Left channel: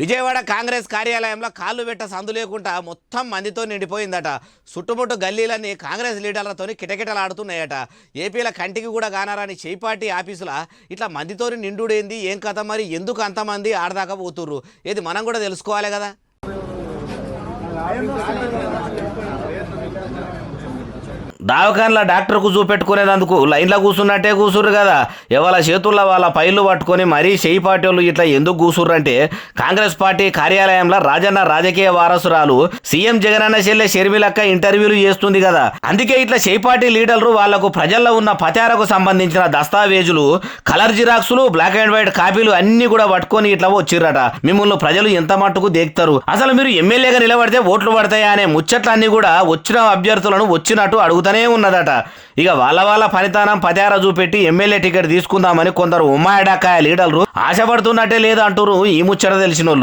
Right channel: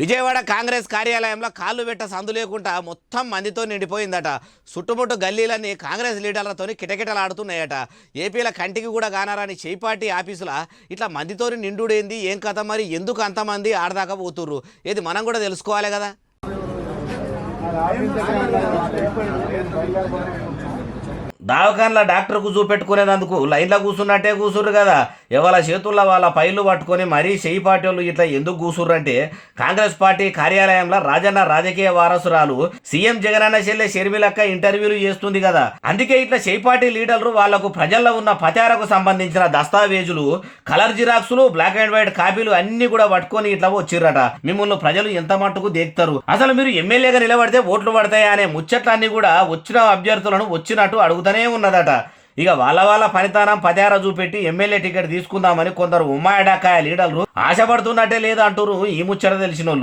విజయవాడ కాంగ్రెస్ కార్యాలయంలో కాళ్ళు పెట్ట సందు లేకుండా మొత్తం మందితో నిండిపోయిందట. చుట్టుముట్టు గల్లీలన్నీ కాంగ్రెస్ లీడర్లతో కిటకిటలాడుతున్నాయట. ఏపీల కంటికి కూడా కానారని చేపార్టీ ఆఫీసుల ఇట్లా మందితోని నిండుడేంది, ఏం కథ, మరి ఎందుకు అంతమంది ఆడదాకా పోతుర్రు, ఏది మనం కూడా తెలుసుకోవాలి కదా. దావకాన్ల డాక్టర్కు చూపెట్టుకునేందుకు లైన్లో కూర్చున్నట్టే కూర్చుర్రు కదా. ఎవరి చేతుల్లో వాళ్ళ పైర్లు పట్టుకొని మరీ చేయి పార్టీలు ఇట్లా ఎందుకు కూర్చుర్రంటే, కాంగ్రెస్ పార్టీ కార్యాలయంలో రాజన్న రాజకీయ వారసురాలు సీఎం జగనన్న చెల్లె షర్మిలక్క ఇంటర్వ్యూలు చేస్తుంది కదా. అందుకే ఇట్లా చేయి పార్టీ లీడర్లు వాళ్లకు ప్రజల్లో ఉన్న పచారకు సంబంధించిన దస్తావేజులు, కలర్ జిరాక్సులు, బ్లాక్ అండ్ వైట్ కాపీలు అన్ని కూడా పట్టుకొని ఇట్లా వచ్చిర్రట. మిమ్మల్ని ప్రజలు ఎంత మట్టుకు దేక్తారు, అసలు మీరు ఎమ్మెల్యేగా నిలబడితే ఓట్లు పడతాయా అనే ముచ్చట్లన్నీ కూడా వచ్చిన అభ్యర్థులను వచ్చినట్టు అడుగుతానే ఉన్నదట. ఇక వాళ్ళ ఫలితానం పతార చూపెట్టి ఎమ్మెల్యే టికెట్ తీసుకుందామని కొందరు ఉమ్మాయిడాకాయ లీడర్లు ఆశపడుతున్నట్టే లేదంటారు ఈ ముచ్చట తెలిసినోళ్ళు.